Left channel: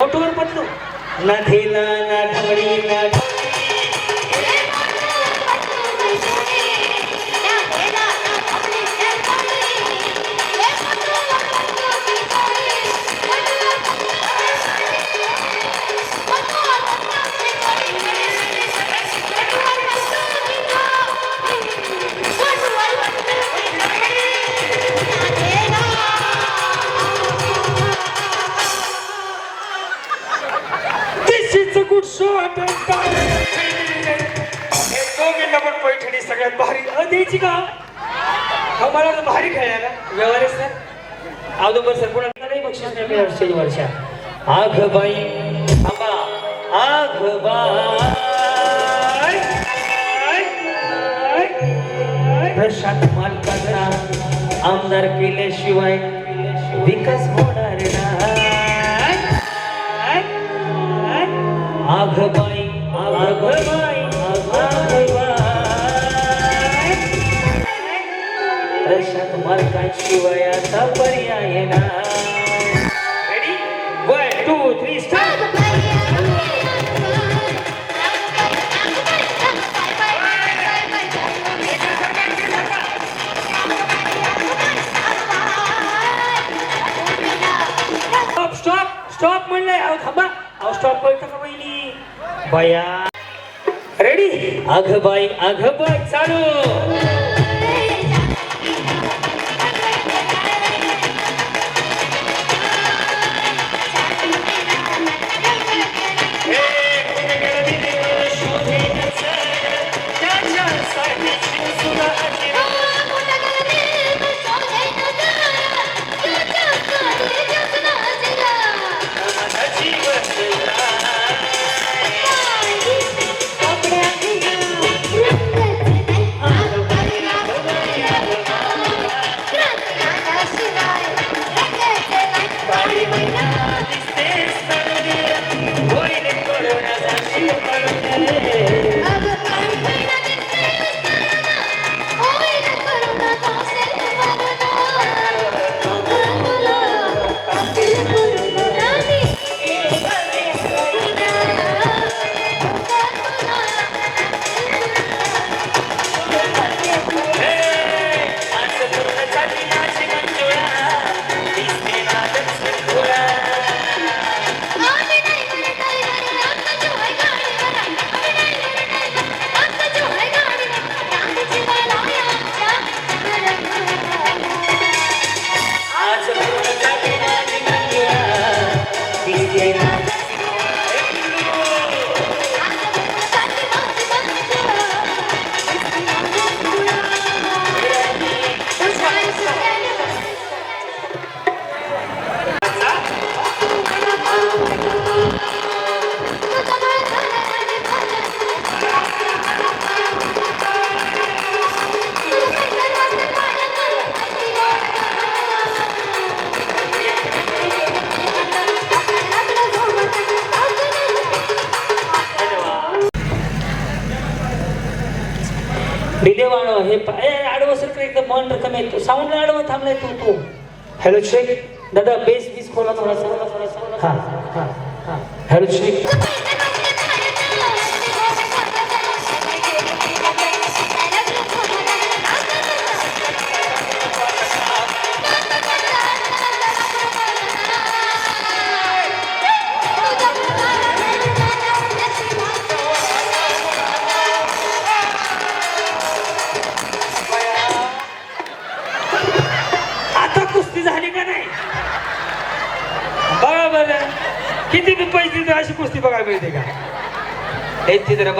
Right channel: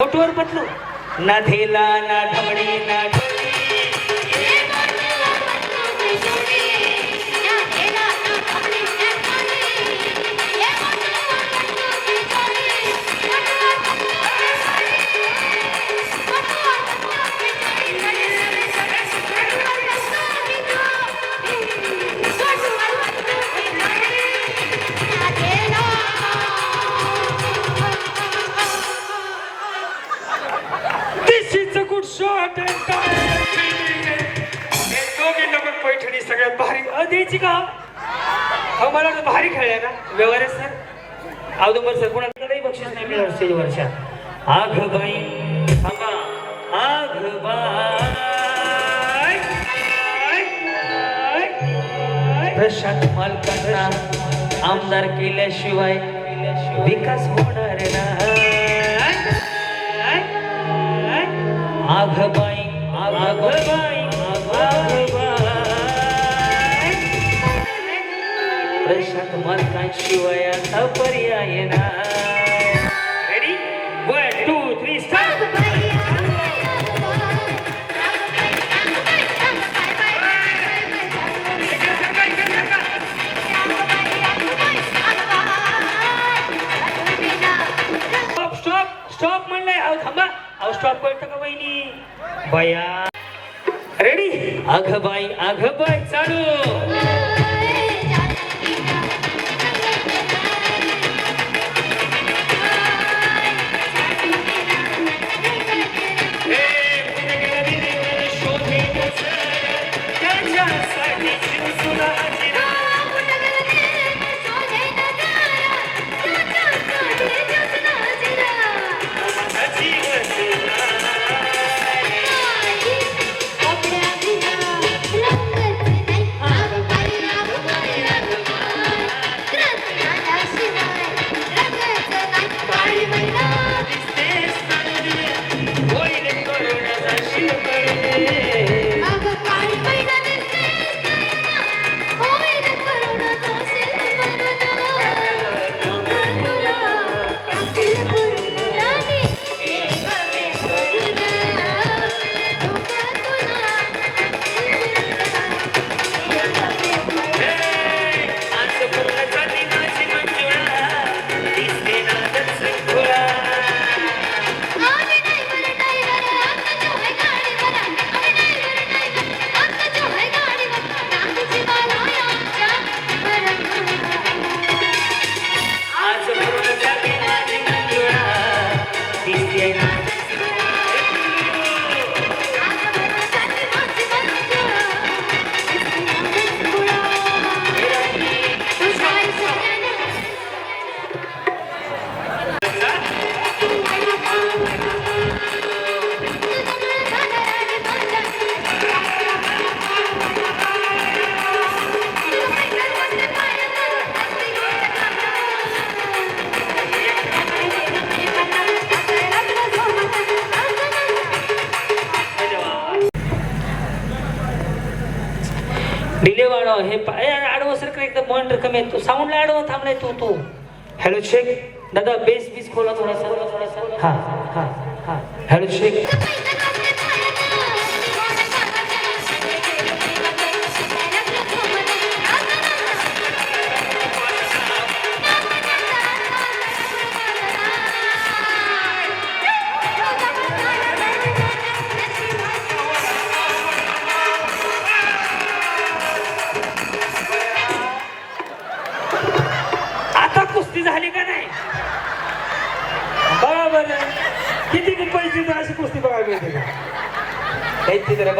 फोटोवर पतलो ना धेला ना ढमडी ना पैठणी सगळ्यात भारी. अ, द्यायची का? हा मला तर भारी खेळल्या ना. व्यवहार सर. सर नाही बक्षीस नाही मिळणार आघ बाई थांबा. आघ बाई. प्रशांत मालकांना आमदार केल्याशिवाय विकास होणार नाही. आघबाई आघबाई आघबाई प्रशांत मालकांशिवाय आता पर्याय ना बया. रेडी आघ बाई आघ बाई. आडवं सर एकदम मॉनिटर कमी आहे तू साऊंडला आडवं थांबले तू तू हॅलो शेख दादा बेस बीस खोला थोडासा थोडासा हा हा हा हॅलो शेख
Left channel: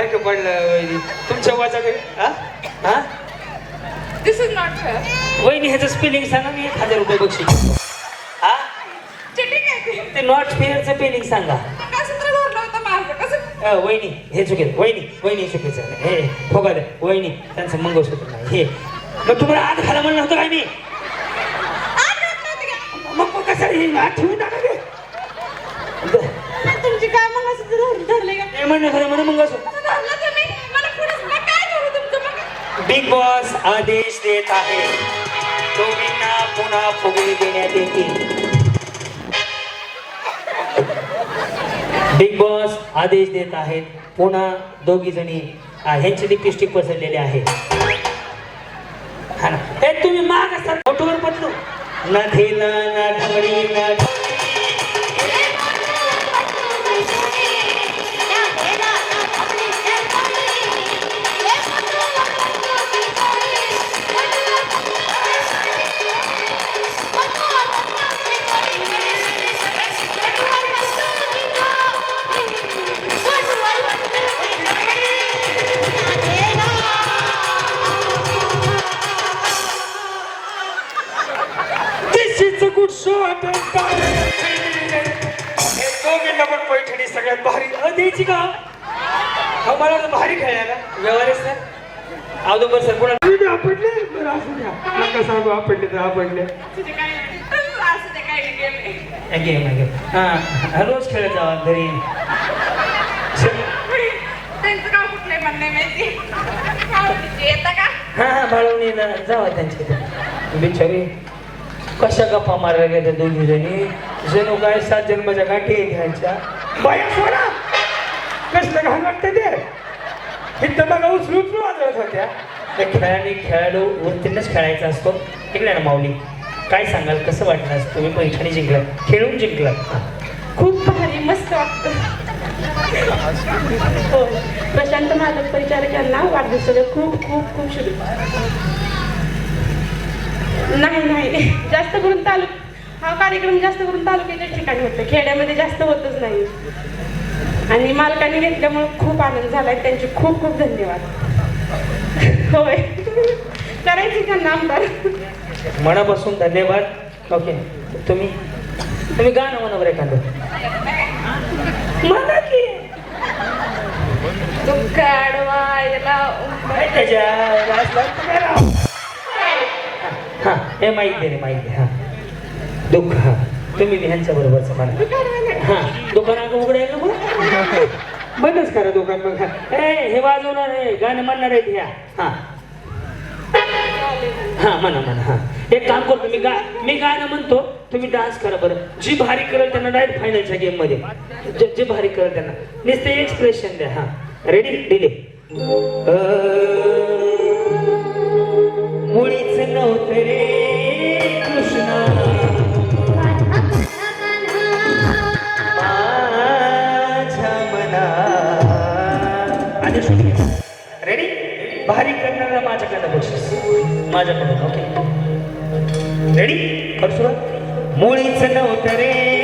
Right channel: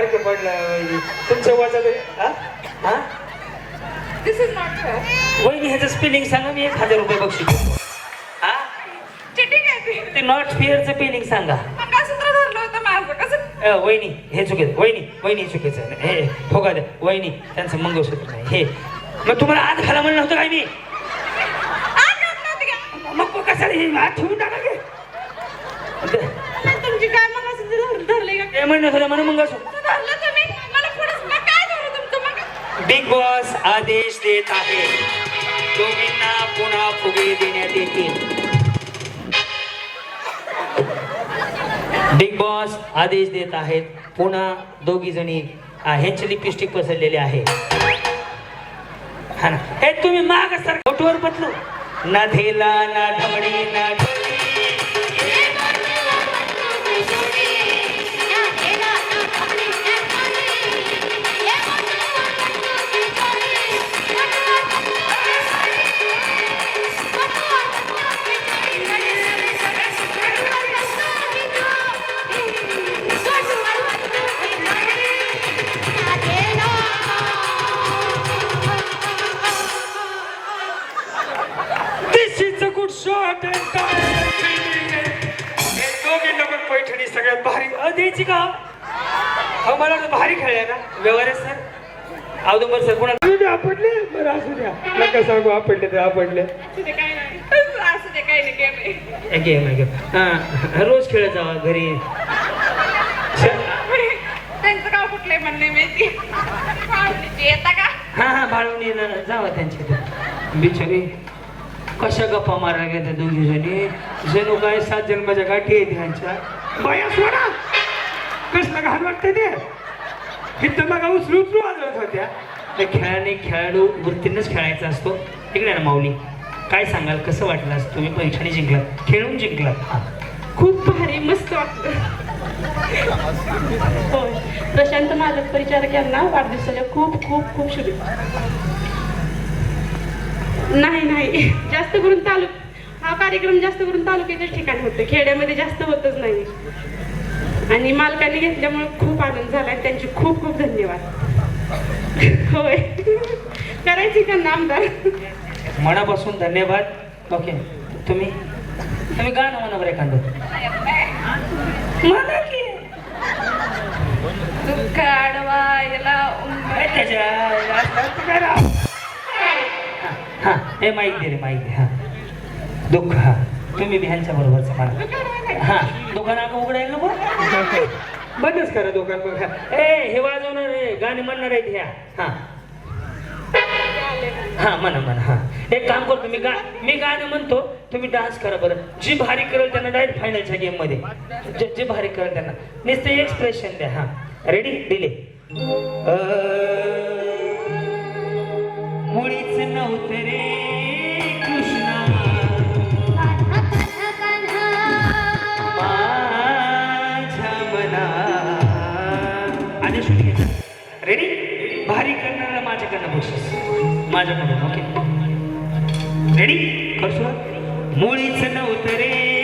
मार्क पडलं तुमच्या वाचा हा हा is not fair. वहिनी ह्याचं स्पेलिंग सांगा मी एक हजार रुपये बक्षीस देतो. हा ती. नॉट फेअरचं स्पेलिंग सांगा. कसं? अ, वहिनी हे चुकेल वहिनी वहिनी चुकीचं आहे हे फोगा द्या वहिनी त्यांचं मंगळसूत्र नाही हे मग तुम्हाला आत खाला म्हणलं होतं काय मी? मग कशाला हे आत ठेवून टाका. द-? काय म्हणणं झालं म्हणून मंगळसूत्र धरलं तुम्ही? मला पुढं- मग काय करू तुमचं मग? बिग बॉस आदेश देत आहे. दोघींना पुन्हा फुगे देण्यात येतील. बिग बॉस आदेश देत आहेत. पुन्हा दोघी जणी ह्यांची लिपस्टिक पसरलेली आहे. हे तुम्ही माग असता फोटोवर बदलू. ना धेला is पैठणी सगळ्यात भारी अ, द्यायची का हो मला तर भारी खेळल्या ना व्यवहार सर औदुंबर सर पुन्हा आपडले बरं असू द्या नका सांगू आपडले तर आपडले गेम रोज खेळत जावा घरी त्यांचं गाव कुठले म्हणणे माहिती येता का हा हा बाळवणी जावा त्यांच्या बिचारी कशा गप्पा मारायला गेल्या दोघी जणी जणू काय सात जन्माच्या गाठी आहेत घ्यायच्या बाया सोडा! कसलं घाण वाटतं ते. इथं बघा उचलू उचलू आदळत होत्या. त्या खेळाने खेळाडू वृत्तीनेच खेळायचा असतो. तिकडे ना माऊली? काय सांगाल? कसं वाटलं असतं तुम्ही पैठणी जिंकलात? खेळून जिंकलात? खूप भारी मस्त वाटतं. हो. प्रशांत मालक परिचारक यांना वाढदिवसाच्या खूप खूप खूप शुभेच्छा. नाही नाही. जास्त करून तालुक हा कार्यक्रम जास्त करून तालुक्याच्या ठिकाणी होतो. खेड्यामध्ये जास्त होतच नाही. आणि मालकाने घेतल्यामुळे खूप आनंद झालाय. त्यांचे खूप खूप धन्यवाद. होय. करायची का नामदार मनापासून धन्यवाद. ओके. तुम्ही? तुम्ही गाणं म्हणा बरं एखादं म्हणा की. दुःख अडवायला त्याच्या हा हे माहिती आहे रे, आहे हा. दुःख हा. तुम्ही बी ह्यांच्या बरोबरच म्हणा हा दुकान उघडं उघडायला ना बंदच करा दुकान बघा ए हे वाजवणार आहे गाणं म्हणणार आहेत ह्या. हा. हा म्हणा म्हणा हा. एक काम करतो मी गा मी गाणं म्हणतो तुम्ही डान्स करा बरं. जी भारी करेल त्यांना डायरेक्ट फायनलच्या गेममध्ये. जे जे भारी करेल त्यांना. नुसते एक्सप्रेशन द्या हा. रेडी दिले भारी करणारा माझ्याकडनं बक्षीस. माझ्याकडून ओके रेडी बघ सुरुवात मुळीच नव्हतं रे.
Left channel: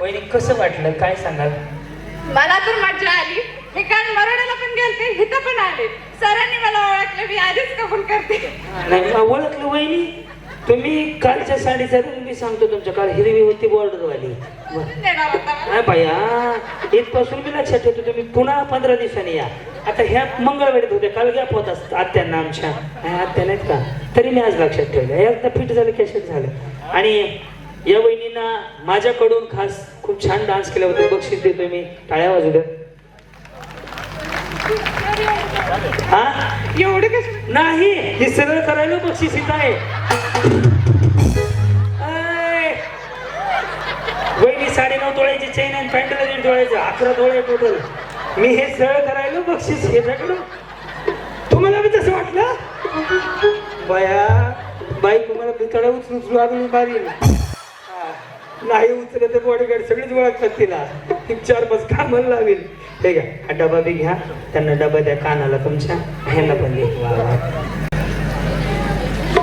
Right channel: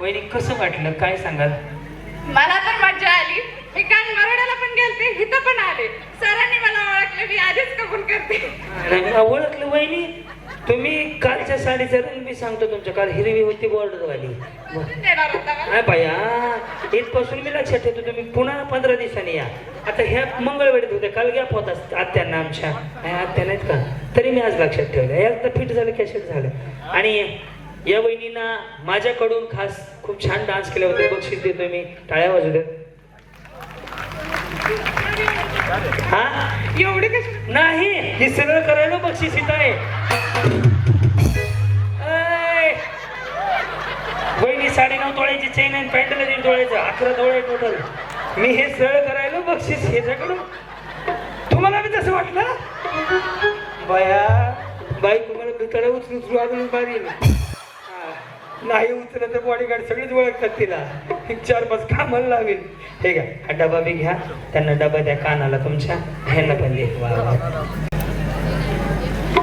वहिनी कसं वाटलं? काय सांगाल? मला तर मजा आली. मी काल मराठाला पण गेलते इथं पण आले. सरांनी मला ओळखले मी आधीच कबूल करते. नाही, ओळखलं वहिनी. तुम्ही कालच्या साडीचा रंग मी सांगतो तुमच्या काल हिरवी होती बॉर्डर वाली नाही बाया इथपासून मी लक्षात ठेवतो तुम्ही पुन्हा पंधरा दिवसांनी या. आता ह्या मंगळवारीत होते काल गॅप होता आत्यांना आमच्या. आत्या नाहीत का? तरी मी आज लक्षात ठेवलं. हे आता फिट झालं कॅशेट झालं. आणि या वहिनींना माझ्याकडून खास खूप छान डान्स केला होता. बक्षीस देतो मी. टाळ्या वाजू हा? एवढे कसे नाही हे सगळं करायला बक्षीस इथं आहे. वहिनी साडे नऊ तोळ्याची चेन आणि पॅन्टला दीड तोळ्याचं अकरा तोळे टोटल मी हे सगळं करायला बक्षीस ह्याच्याकडून तुम्हाला बी तसं वाटलं? बया बाई तुम्हाला भितडा उचलून लागली मारी नाही उतरत तर बॉडीगार्ड सगळेच ओळखतात तिला. तीन चार पाच कामाला लावेल हे घ्या हा डबा बी घ्या. त्यांना डबा द्या कानाला तुमच्या. ह्यांना पण दे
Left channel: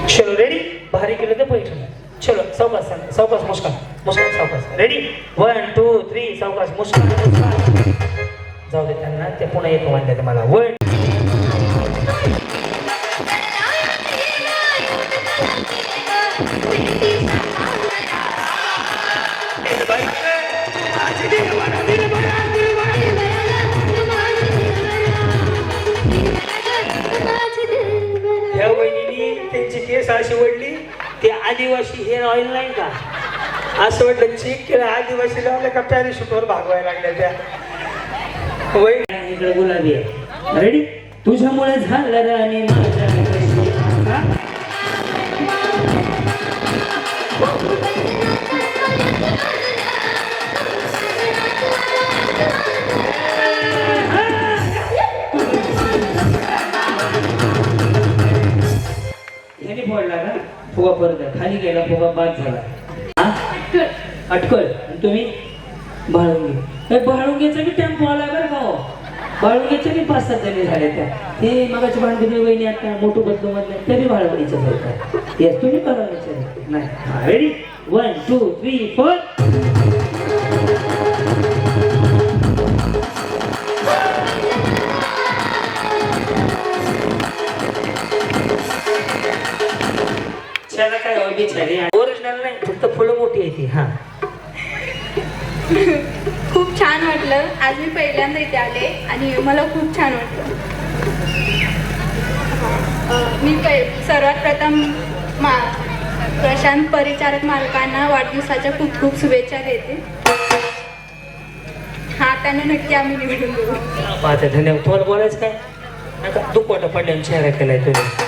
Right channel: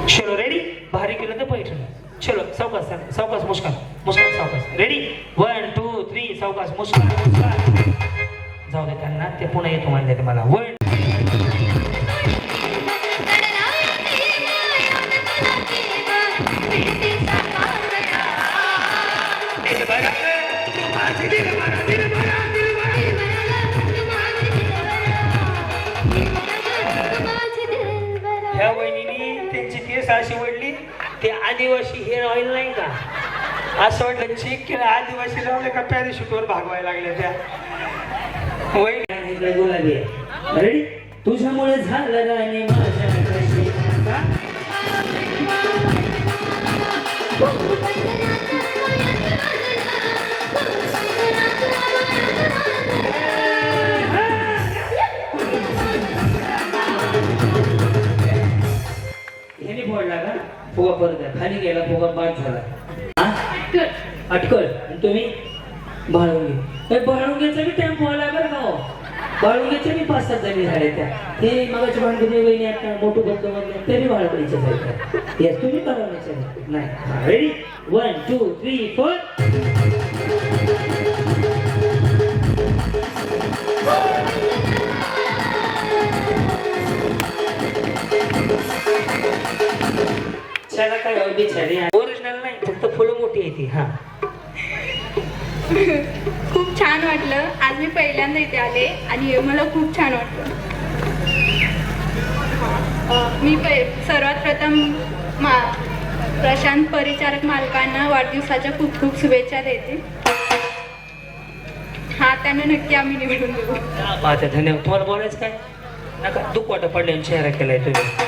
चलो रेडी भारी केलं तर पैठण. चलो सावकाश सावकाश मुस्कान. मुस्कान सावकाश. रेडी वन टू थ्री सावकाश मुस्कान. जाऊ दे त्यांना ते पुन्हा येतो म्हणले मला. वन ह्या वहिनी त्यांची केस अशी वडली ते आदिवासी हेअर ऑइल नाही का? असं वाटलं चेक केलं आदिवासी लावल्या का पॅरेशूटवर भागवायला लागल्या त्या? वहिनी गुलाबी आहे रेडी तुझ्यामुळे झालं राणी माझ्या घरी. हा? ह्याने का परत खाली गेला फुगा बाद झाला हा? अटकल आणि तुम्ही बाळुंगे हे बाळुंगेचा बी टेम्पो आला बरं का हो बाळुंगेच्या बी पाच सात जणी झाले त्या. ते मगाची भांडुनी वहिनी आता मोठू बंद म्हणले तरी बाळुंगीच्या सारखं येस तुम्ही बाळुंगीच्या नाही. Ready one two three four त्याला काय हवं ओरिजिनल नाही फक्त फुलं मोठी येते हा. खूप छान वाटलं. आज मी पहिल्यांदा इथे आले आणि मला खूप छान वाटलं. मी पै सर्वात प्रथम मा प्रशांत परिचारक मालकांना वाढदिवसाच्या खूप खूप शुभेच्छा देते. हा त्यांना नक्की आम्ही निवडून घेऊ आता धन्यवाद. तुम्हाला बोलायचं काय? आता दुःख वाटा पडल्याने चेहरा केलाय तुम्ही.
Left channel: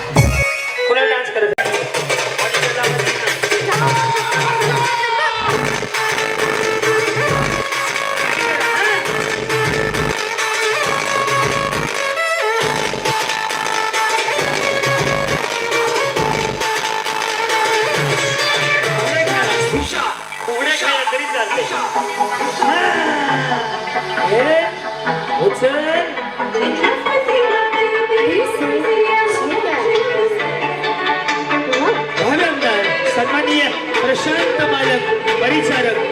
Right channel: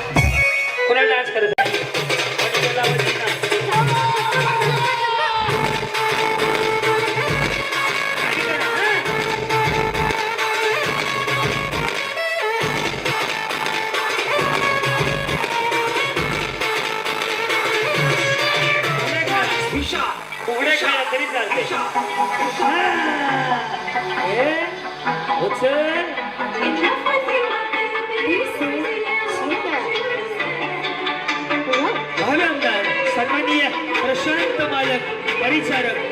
मालक परिचारक